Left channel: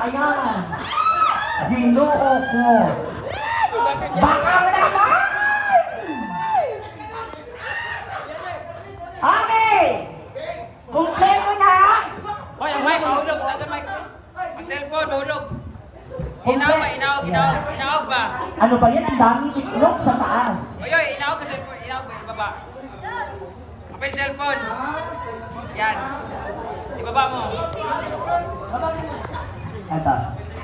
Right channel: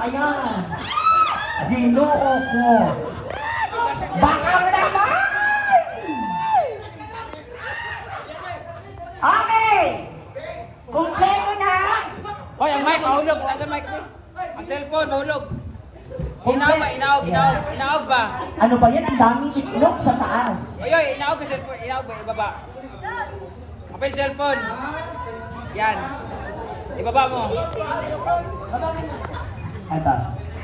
Ayan. Ginoo ko. Baka naman! Okay! Kumpleto na! Hoy, ang mic, mahulog. Ang mic. Ang cellphone, mahulog. Inaog ba? Ano ba yan? Ang daming itlog sa taas. Oy, inaog ka cellphone. Inaog ba? Ibaba. Apa yung cellphone? Yan. Ibaba mo. Ito.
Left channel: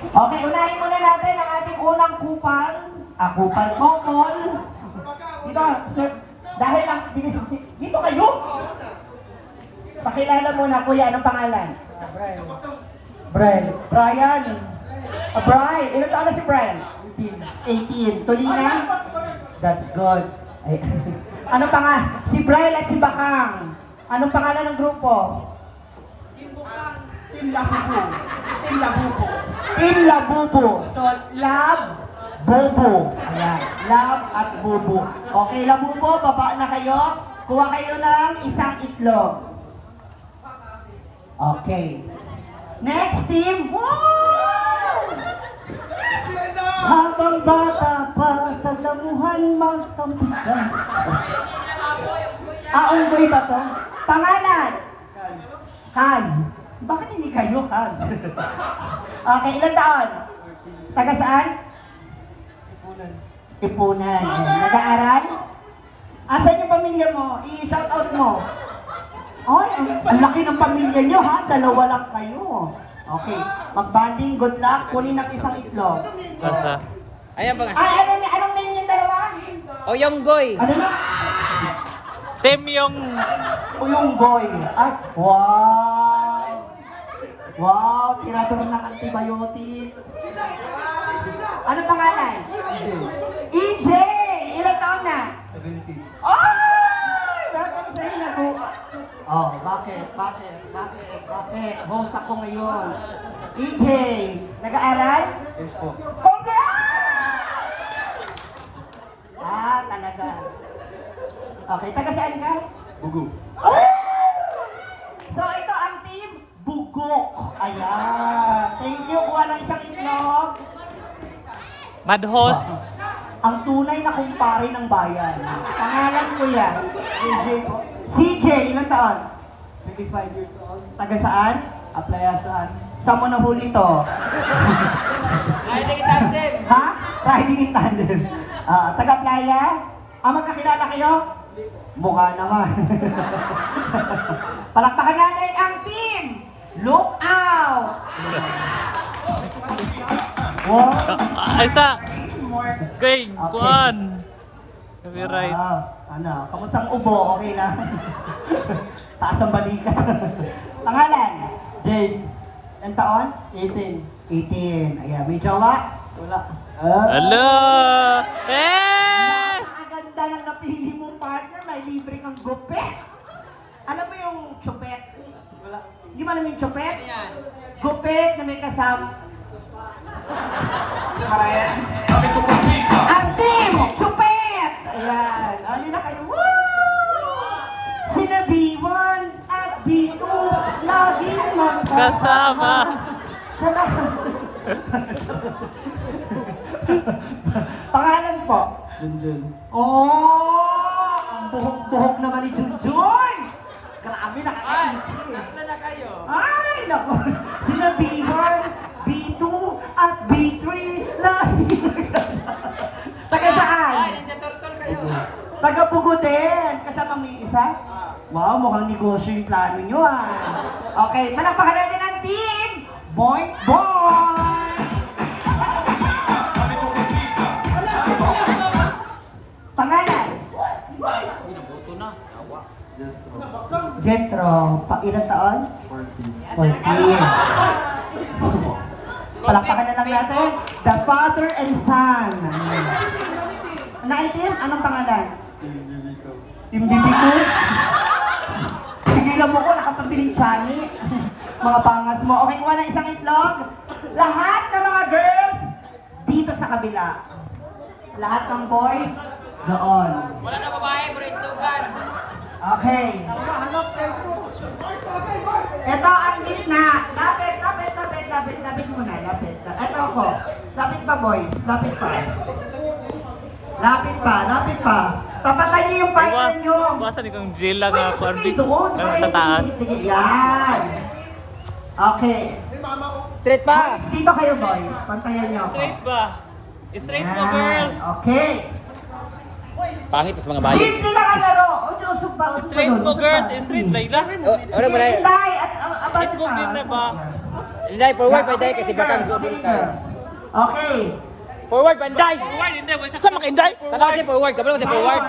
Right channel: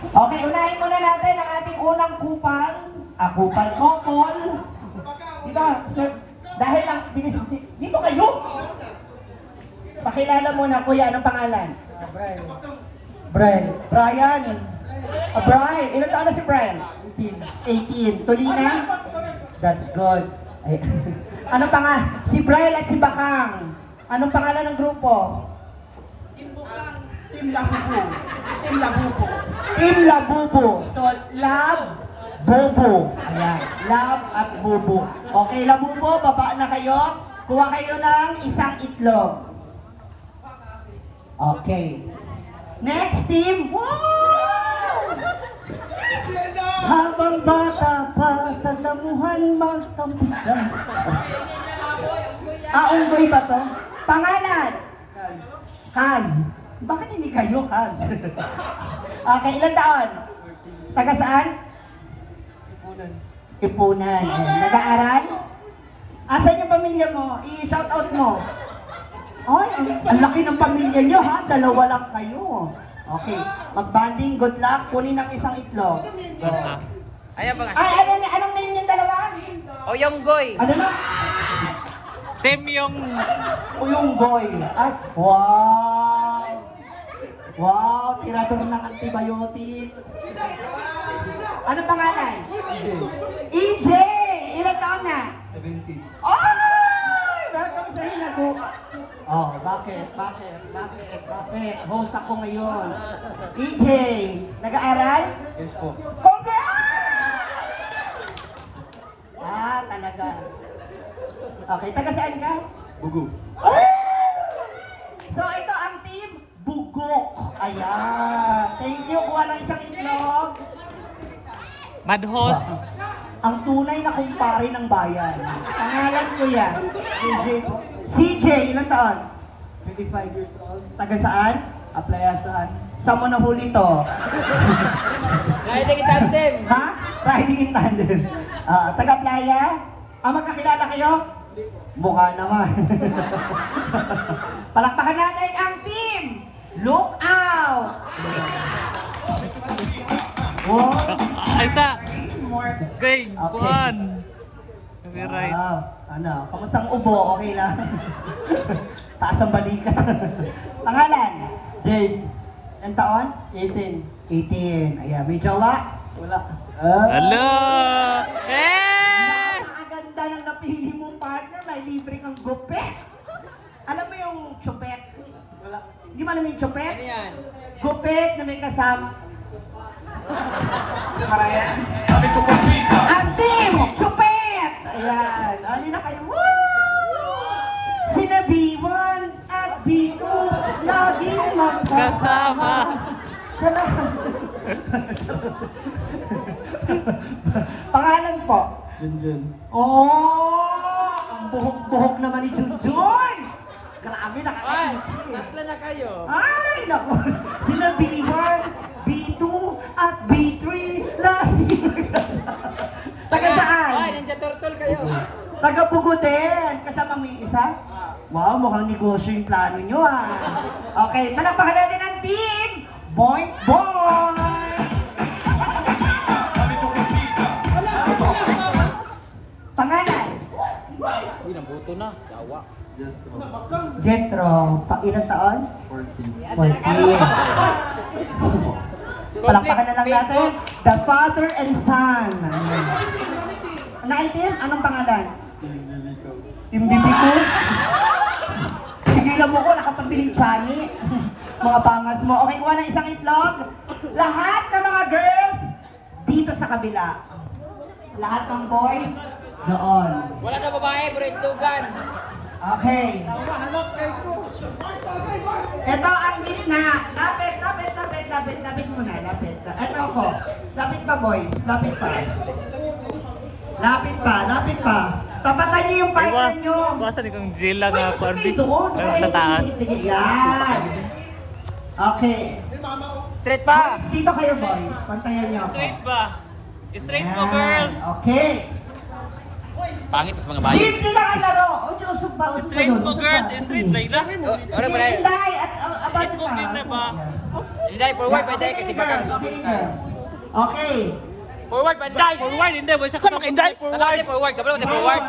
Okay, unahin muna natin ang ating unang kupal. Kupal couple. Dito, sir. Dahil lang, dito kayo. Pakilala muna, kuya. Anong pangalan? Brian. Brian. Brian. Ilan taon na si Brian? 18. Tulina? That's good. Ay, anong pangalan? Si Brian at si Bakang. Anong pangalan ng grupo? Team Labubo. Team Labubo. Team Labubo. So, Lab, Bobo. Ayan. Lab at Bobo. Okay, Labubo, baba na kayo. Kuha kayo ng isang itlog. Okay. Next team. Wow! Habang bata pa sa damuhan magtampisan. Unggoy ba to? Pangalan? Kaz. Bakit hindi kayo, Kaz? Okay, ilan taon? Taga saan? Ipunan. Nag-aaral? Asan yung pamilya mo? I-shout out mo. Ay, ang laki ng pamilya nyo ha, dalawa lang kayo. Okay, mag-banding, good luck, kunin ng isang itlog. Ayan ba? Anong name yung dalawa? O yung goy. Ano na? Team yung... Uyonggoy. Ay, wow! Wow, tirador ng antibiotic. Ano pangalan? EJ! Ilan taon na? 70. Ay! Bakit sa'yo nag-upa? Oh, bakit? Host ako ngayon. EJ, nag-aaral? Yes po. Congrats! Talaga. Okay, taga saan ka? Bugo. Oh! So, ito ang team Bugok. Ayan. Thank you. Kuha ng isang itlog. Madhost. Ang tunay na kumpare ng bayan. Pangalan ko yan. CJ. CJ, ilang taon? 25 years old. Taga saan? Aplayasan. Saan mo nahuli to? Riding in tandem. Ha? Riding in tandem. Taga Playa? Magkakilala kayo? Mukha naman. Palakpakan natin ang team! Look out! Wow! Isa. More. Okay, kuan. Copyright. Ano? Kamusta ang ubo? Okay lang. Taas ang balikat. Pangalan? Jade. Ilang taon? 18. 18. Ayan, may jowa? Wala. Napakaganda Hello! ng napili mong partner, may libre kang gupet. Alam mo yung chupet? Wala. Hindi mo alam yung chupet? Ano yan? Gupet na may kasama. Ang team! Chupet! Ayan. Ano na kayo? Woo! Sina B1 at B2 laging magkasama. Siya lang. Pangalan po? Junjun. Oh! Ang buhok-buhok naman ni Junjun! Grabe, naka-edge. Tatlo na kayo. Ay, naku. Sina B1, B2, at B3 lagi. Taga saan? Ay, nandiyan turtle kayo. Taga Pugo din. Kasama mo yung isa? Wow, mukhang negosyo yung plano nyo ah. Okay, palakpakan natin ang team! Boing Boing! Pangalan? Unang buto na. Sawa. Jetro. Ilang taon? 14. 14. Palakpakan na lang natin. The father and son. Naitim, anong pangalan? Team Bibito. Sigilan mo ko, nakapabiling chani. Mga pangas mo. Okay, kuha ng isang itlog. Lahat ng mga girls, dito sa kabila. Lahat ng boys, doon. Wala na babae, puro itugan. Okay. Ito ang gitna. Lapit, lapit, lapit. lapit muna, lapit. Ito ako. Lapit pa, boys. Lapit pa. Lapit pa. Tapatan niyo yung partner niyo. Basta ni kang jail lang nga, Corby. Doon. Sa taas. Sige, yan. Okay. Straight pa. Boys, dito kayo, boys. Pantayan niyo ako. ba? Straight Yan. Okay. Pangit sa mga bayi. Simple lang ang laro. O, usog ba? Usog ba doon? Usog ba? Oh, ano ba na yun? Hinday at abang Let's go, game na ba? Hindi, forward pwede kasi bagang Okay. Forward, panday! Forward, hindi. Wala siya kasama hindi. Forward! Forward! Kabalo si forward!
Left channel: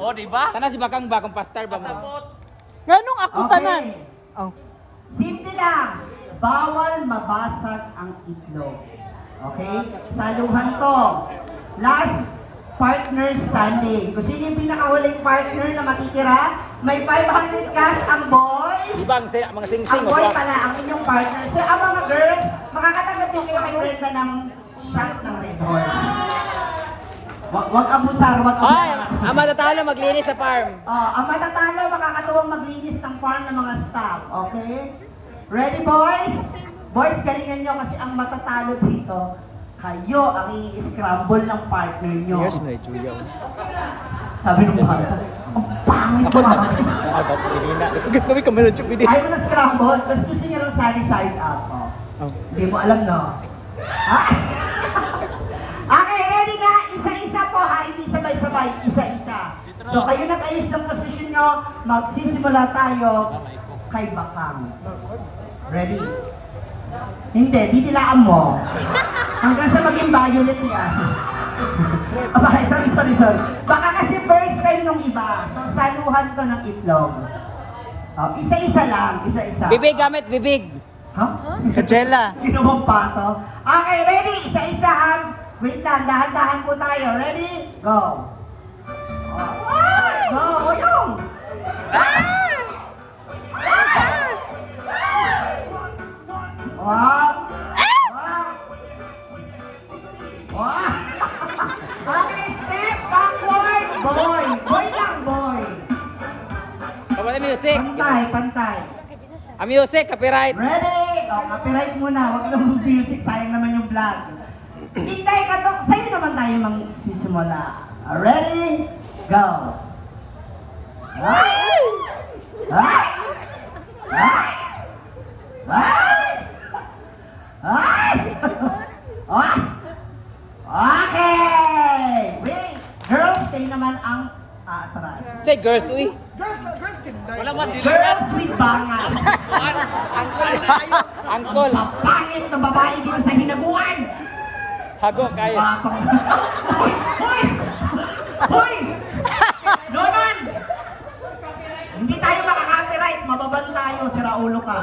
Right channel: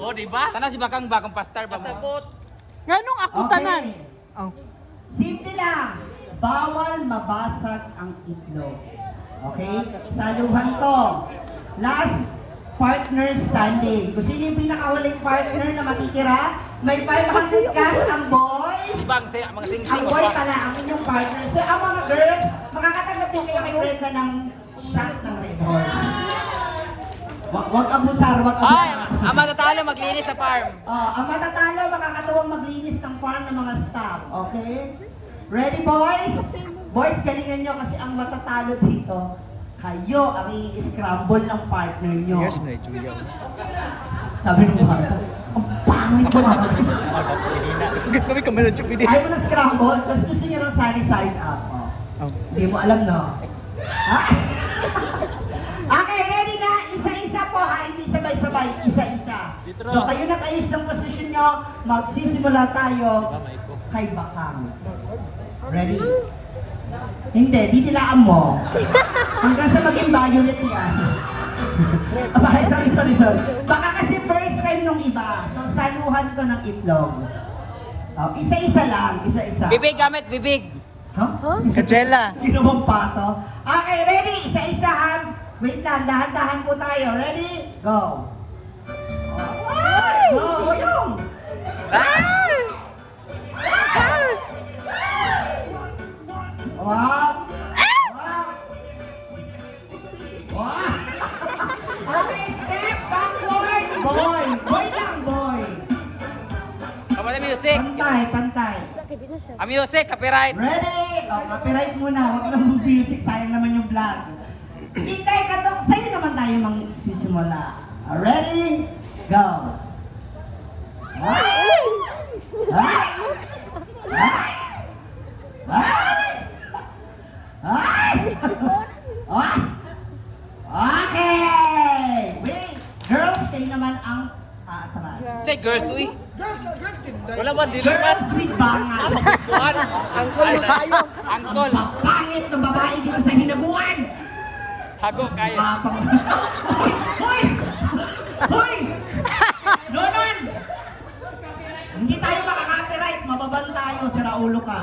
O, diba? Tanah si bakang bakang pastar ba? Pasabot. Nganong ako tanan? Okay. Oh. Simple lang. Bawal mabasag ang itlog. Okay? Saluhan to. Last partner standing. Kung sino yung pinakahuling partner na makikira, may 500 cash ang boys. Ibang mga sing-sing. Ang boy pala, ang inyong partner. So, ang mga girls, makakatanggap din kayo kay Brenda ng shot ng Red Horse. Wag abusar, wag Ay! abusar. Ang matatalo maglinis sa farm. Ang matatalo, makakatuwang maglinis ng farm ng mga staff. Okay? Ready, boys? Boys, galingan nyo kasi ang matatalo dito, kayo ang i-scramble ng partner nyo. Yes, may Julia. Sabi ng mga, ang pangit mo. Kami kamera chuk hindi. Ayaw mo na scramble, tapos gusto niya rin sali side up. Oh. Hindi mo alam, no? Ha? Okay, ready na? Isa-isa po ha, hindi sabay-sabay, isa-isa. So kayo nag-ayos ng posisyon nyo, magsisimula tayo kay Bakang. Ready? Hindi, didilaan mo. Hanggang sa maging violet yan. Okay, sorry. Baka kasi first time nung iba, so saluhan ko ng itlog. Isa-isa lang, isa-isa. Bibig gamit, bibig. Huh? Kajela. Ginawang pato. Okay, ready? Isa-isahan. Wait lang, dahan-dahan po tayo. Ready? Go. Go, yung. Wow. Okay, step backward. Boy lang, boy. Kapag na music. Pantay. Ang music, copyright. Ready? Copyright muna. Huwag lang music. Sayang naman yung vlog. Hintay ka to. Sa'yo naman tayo magsisimula. Ready? Go. Ay! Ay! Ay! Ay! Ay! Ay! Okay! Wait! Girls, kayo naman ang aatras. Say girls, uy. Wala ba? Dili ba? Girls with bangas. Angkol. Pangit na babae dito sa hinaguan. Hago kayo. Batong. Hoy! Hoy! Nonon! Hindi tayo makaka-copyright. Mababan tayo. Sira ulo ka.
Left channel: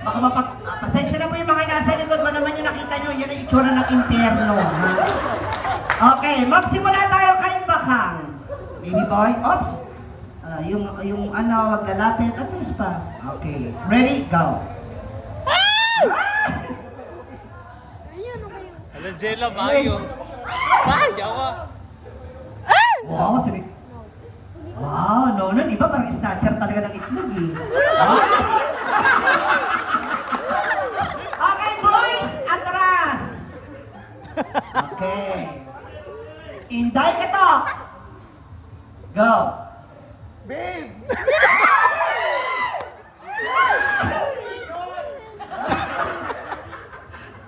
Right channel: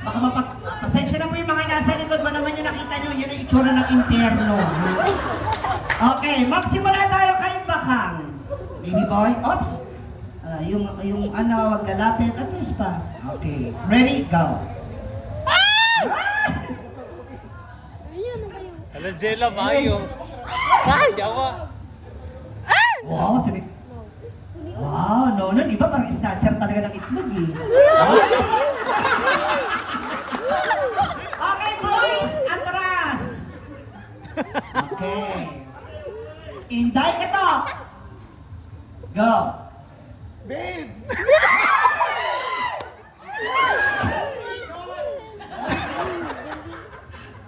Baka pasensya na po yung mga nasa likod. Ba naman yung nakita nyo? Yan ang itsura ng impyerno. Okay, magsimula tayo kay Bakang. Baby boy, oops. Yung ano, wag lalapit. At least pa. Okay, ready, go. Ala, Jela, Mayo. Ay, yawa. Wow, sabi. Wow, no, iba parang snatcher talaga ng itlog eh. Okay, boys, atras. Okay. Inday ka to. Go. Babe.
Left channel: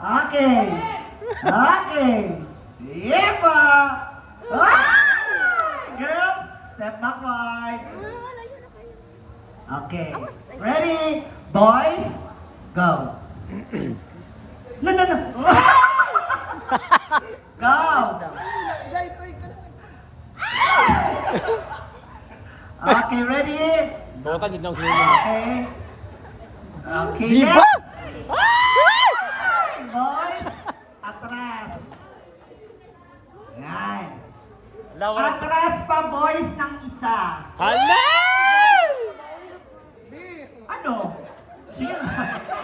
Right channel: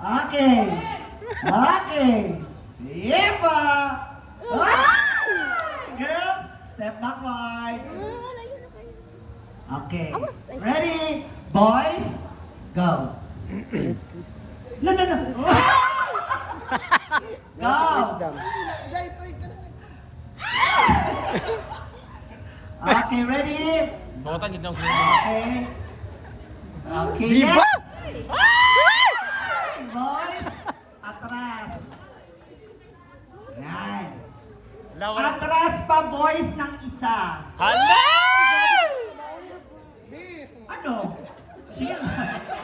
Okay. Yepa. Girls, step backward. Okay. Ready? Boys, go. No. Go. Okay, ready? Botan, hindi na Okay. Okay. Diba? Boys, atras. Yan. Lawan. Atras pa boys ng isa. Hala! Ano? Sige.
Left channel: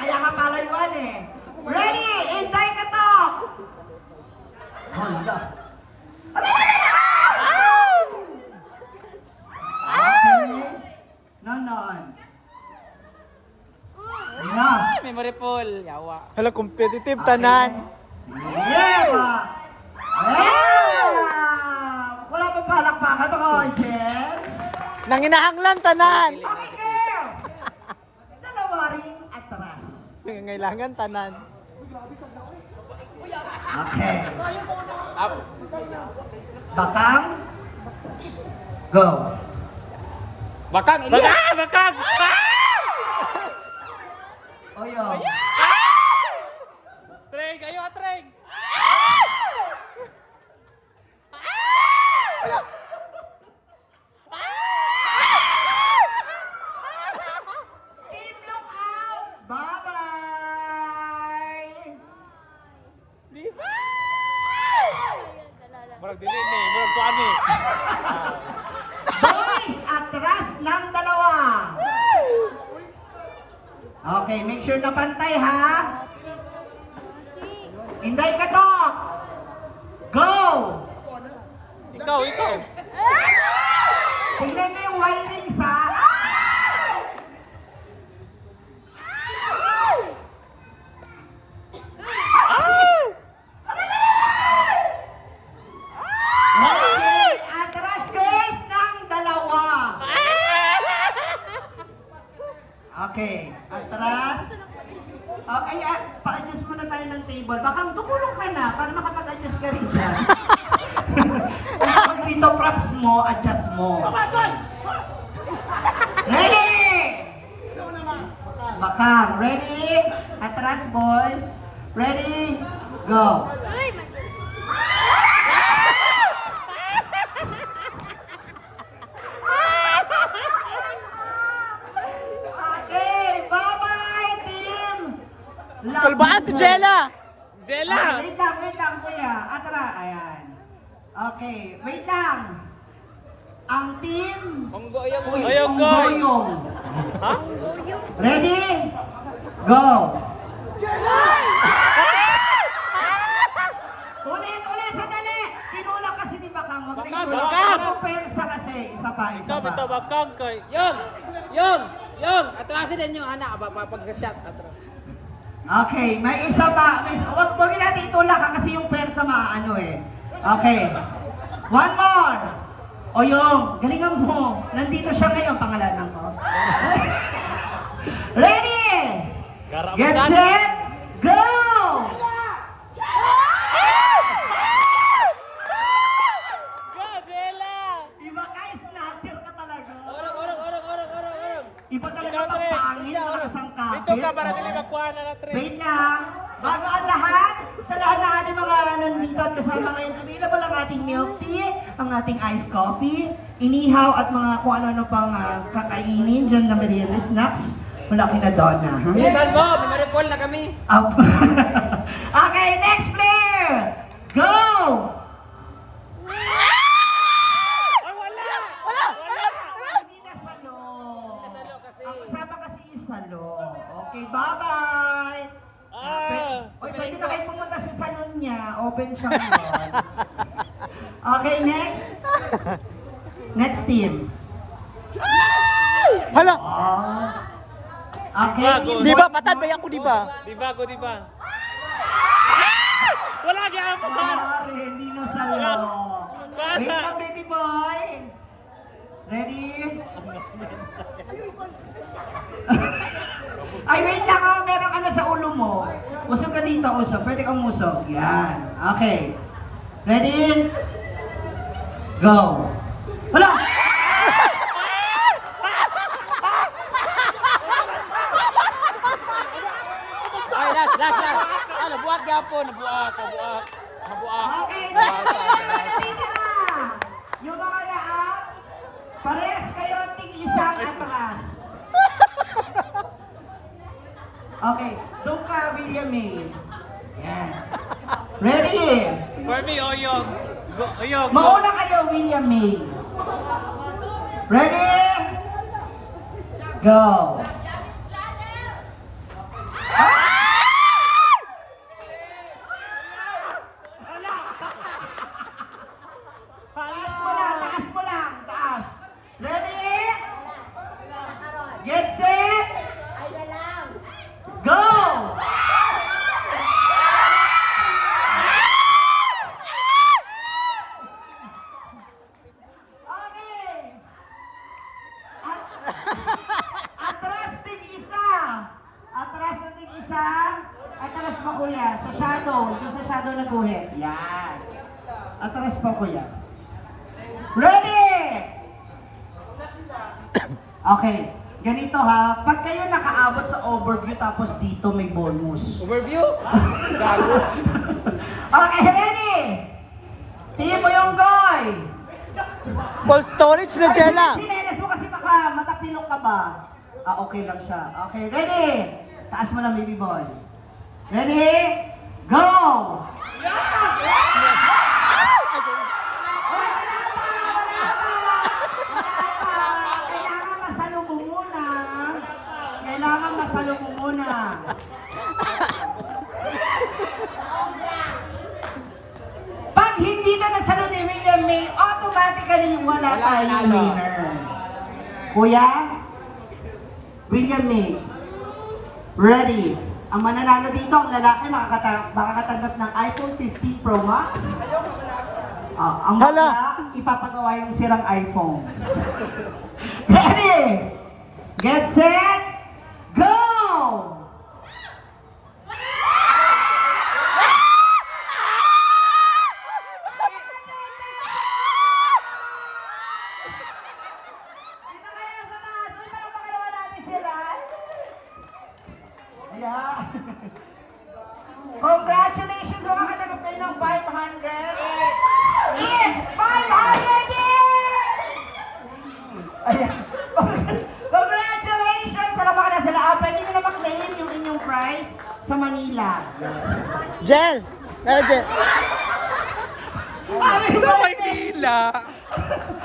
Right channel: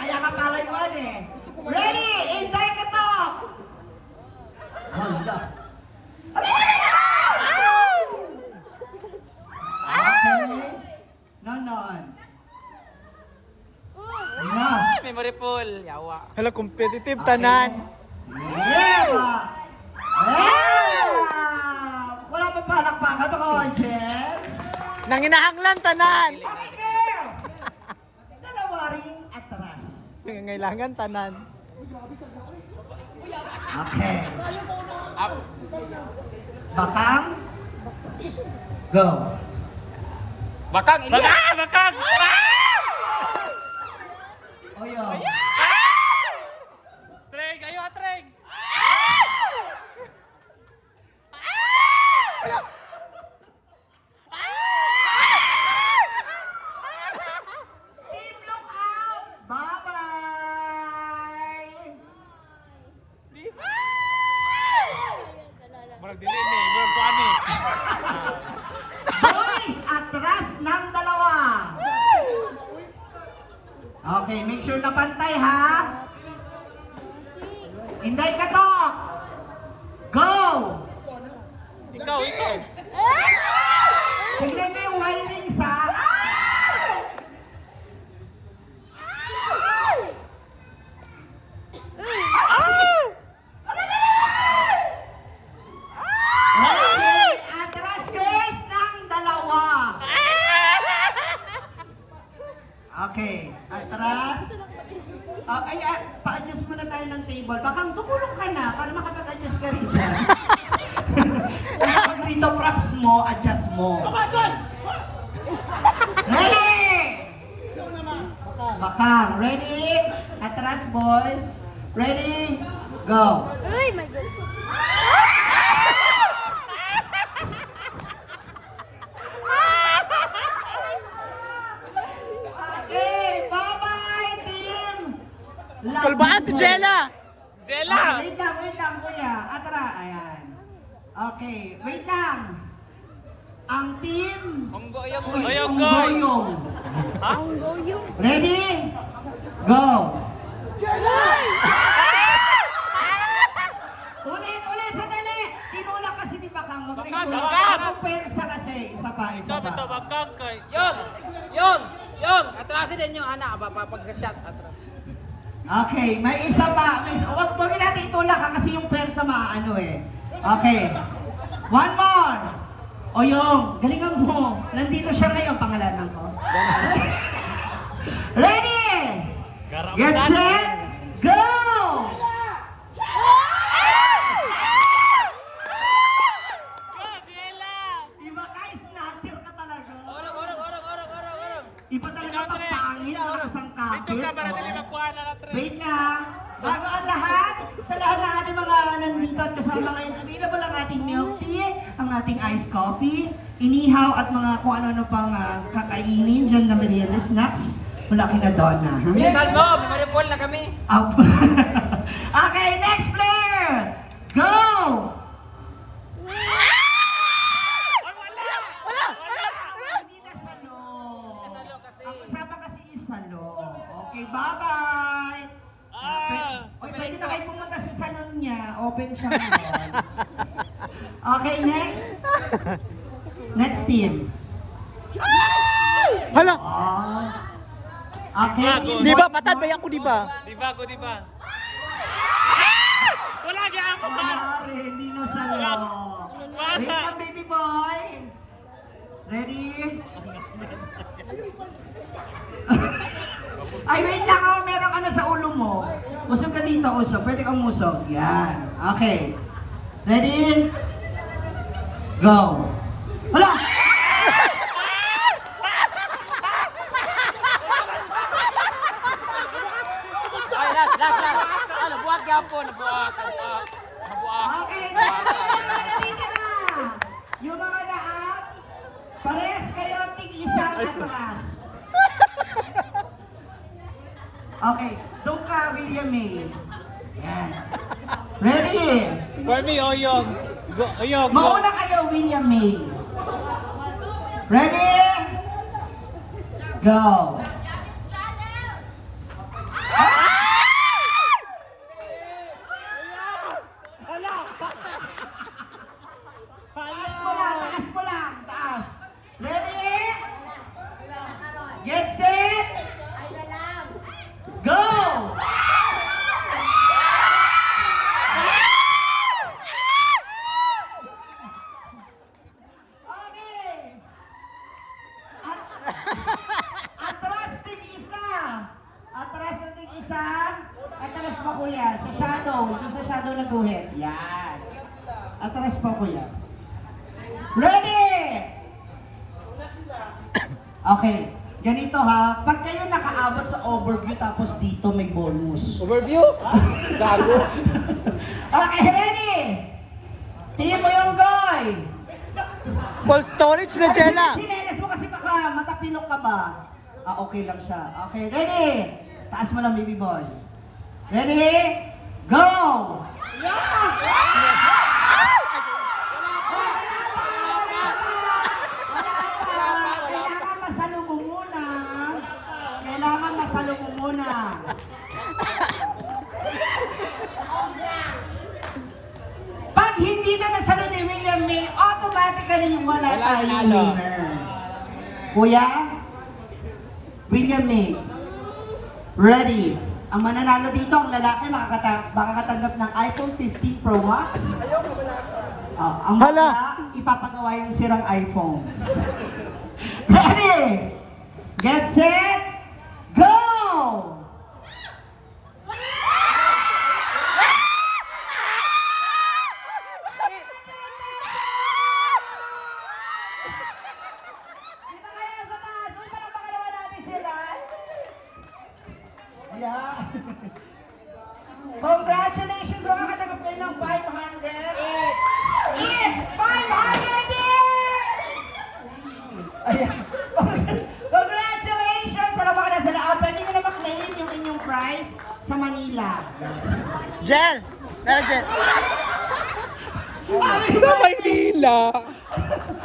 Kaya ka palayuan eh. Ready? Hintay ka to! Hala. Okay. Nonon. Enough. memory pool. Yawa. Hala, competitive tanan. Yeah! Yeah! Wala pa palakpakan mga audience. Nanginahanglan tanan. Okay, girls! Dalawa ring atras. Nangangailangan tanan. Okay. Up. Bakang. Go. Bakang, Elias! Bakang! Oyo. Treng! Ayo, Treng! Team look out! Bye-bye! Murag dili ni, murag kuan ni. Boys, atras ng dalawa. Okay, make sure na pantay ha. Inday ka to. Go! Ikaw, ikaw. Tignan niyo yung wiring sa... Okay, atras girls ng dalawa. Okay, atras. Okay, pa-adjust muna tayo ng table. Baka tumulong ka na para makapag-adjust ka rin dyan. Pag dito props mo, adjust mo. Ready? Bakang, ready? Atras boys. Ready? Go. Okay, bye-bye team! Kalbaan si Jella. Jella! Wait lang, kuya. Atra, ayan. Okay, wait lang. Ang team... Monggo yung Unggoyong. Ready? Go! Ulit, sandali! Tinulak kasi ni Bakang. Huwag na itulak. Bakang! Ang persa kasi. Isa pa. Ito, bakang kay. Yung! Atrasin din yung anak. Pag-shot, atras. Okay, may isa pa. Huwag natin itulak ha, kasi yung persa ano eh. Okay. One more. O yung, galingan mo. Nandito siya ngayon, pangalanan ko. Ready? Get set, go! Iba guys, snatcher ka talaga. Orong. Iba talaga pagpangin ng isang kapit. Ito ka para dili magkuha na Treng. Wait lang. Bago ang lahat, sa lahat ng ating mga nandito at kasama ngayon, available ang ating milk tea, ang ating iced coffee, inihaw at mga kung ano-ano pang kakainin dyan na merienda snacks. Malaki na doon na. Bilisan mo! Memory pool na kami. Okay, next player! Go! Hindi na salo. Ang usapan kasi yung salo. Okay, bye-bye! Oy, pwede na kayo pumunta sa salon niya. Open siya ngayon. Okay, next. Next team. Hala, Oh. Okay. Gago. di ba? Patad ba ako, di ba? Di ba? Wala gyud mo. Sorry, hindi na salo. Bata. Wait lang, baby boy. Ready? Ay, wait lang. Meron ka na sa ulo mo. Usog ka dito, usog. Pwede kang musog. Yan. Okay. Ready? Go. Hala! Ay, last. Ano, buhat gapon. Buhat. Okay, next. Yung mga lahat, parehas kayo tig-isang atras. Okay, doon ka, William May. Yan. Ready? For me, Oyong. Oyong, go. Mauna kayo, William May. Ready? Go. Taas mo lang, taas. Ready? Get set. Go! pa kuya, sa shadow. Doon sa shadow na guhit. Yan. Atras pa kuya. Ready! Okay. Ganito ha, pag kayo nakaabot sa overview tapos dito may bonus. Overview? Gago. Okay, ready? Tingin mo yung goy. Full storage na, Jella. Sinelas mo kasi baka matapilok ka ba? Okay lang siya. Okay, ready? Taas mo lang, baby boy. Ready? Go! Kailangan masalo mo muna. Kailangan masalo mo muna. Pag hindi na nasalo ni William May, automatically wala Wala, tayong nanalo. winner. Kuya, William May, ready. Ang mananalo dito, ang lalaki makakatanggap ng iPhone 15 Pro Max. Ang Hala. bakla, ipapagawa yung sirang iPhone. Ready? Get set, go! Dito kayo sa taas. Uy, parang pakalawa natin sila. Yeah. Congratulations! Makakatanggap kayo ng 500. It's 500 Ayan. Congratulations! Wala ba ka na sila? Pwede nyo na maklaim yung inyong prize sa Manila. Jel! Jel! Sabi Sa Maynila!